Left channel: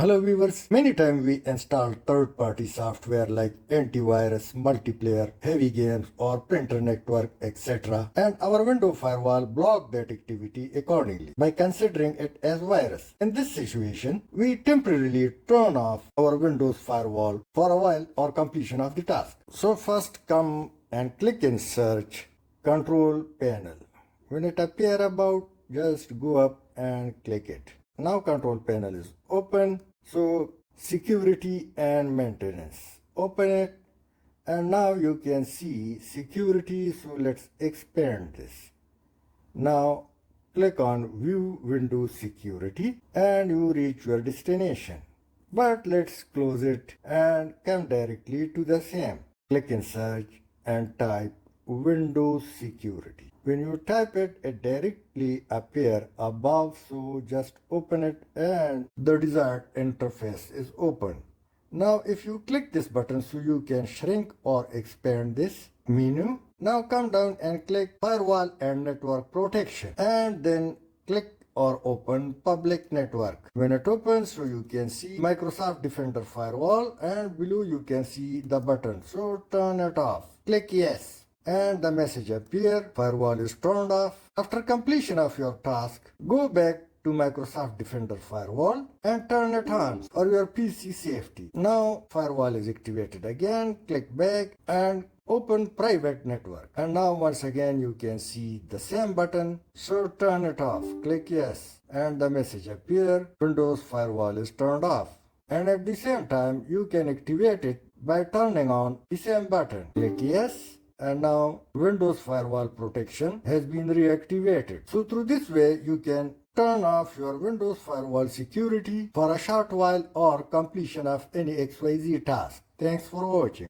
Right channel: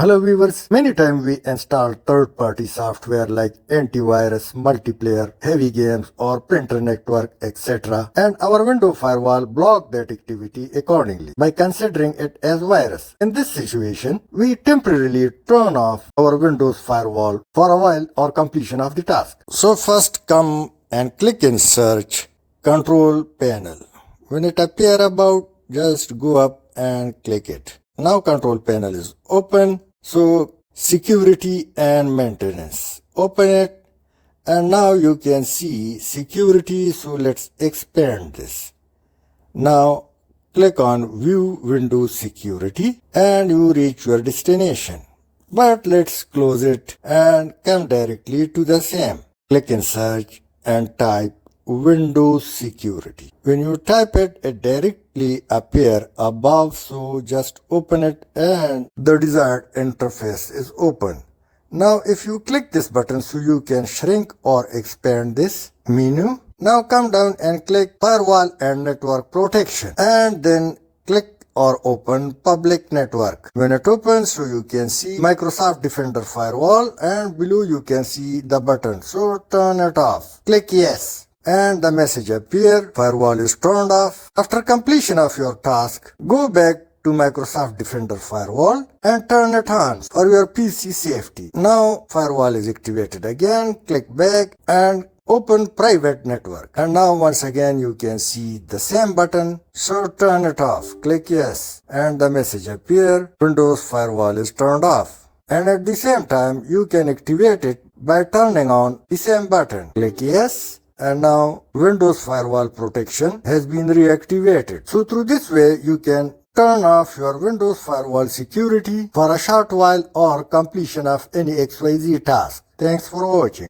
Hello viewers, many times we install third-party software like antivirus, multiplayer, heavy games or printer network, etc. and our Windows firewall block that activity accordingly by considering it as virus. In this situation, we temporarily turn off our Windows firewall for a while or completion of the task. So first come and click in search, control panel. When it appear about, just go up and click it. Now control panel is open. So security and maintenance. Open it and now you can see security. So let's expand this. Now click on view Windows security and you reach your destination. But let's close it and come directly to the same. Click in search and type Windows security. When you type it, it directly appear above, so just open it and the desired interface is open. Now if you click this button, so you can shrink or expand this menu. Now come down and click Firewall and Network Protection and then click or open public network. When it opens, so you can see Microsoft Defender Firewall and below you can see the button. So turn it off. Click yes. And the message appears, firewall is turned off. After completion of your task, go back to Microsoft Defender Firewall and turn it on for your PC safety. Now firewall is activated again, click back and open private network. And now once again you can see the same button, so turn it off. Click yes and the message appears, Windows Firewall is turned off. And at the same time you can activate it by turning on the same button. Click yes. And now Windows Firewall protection has been reactivated. So through this way you can turn off your Windows Firewall security for a short while or completion of any XYZ task. Thanks for watching.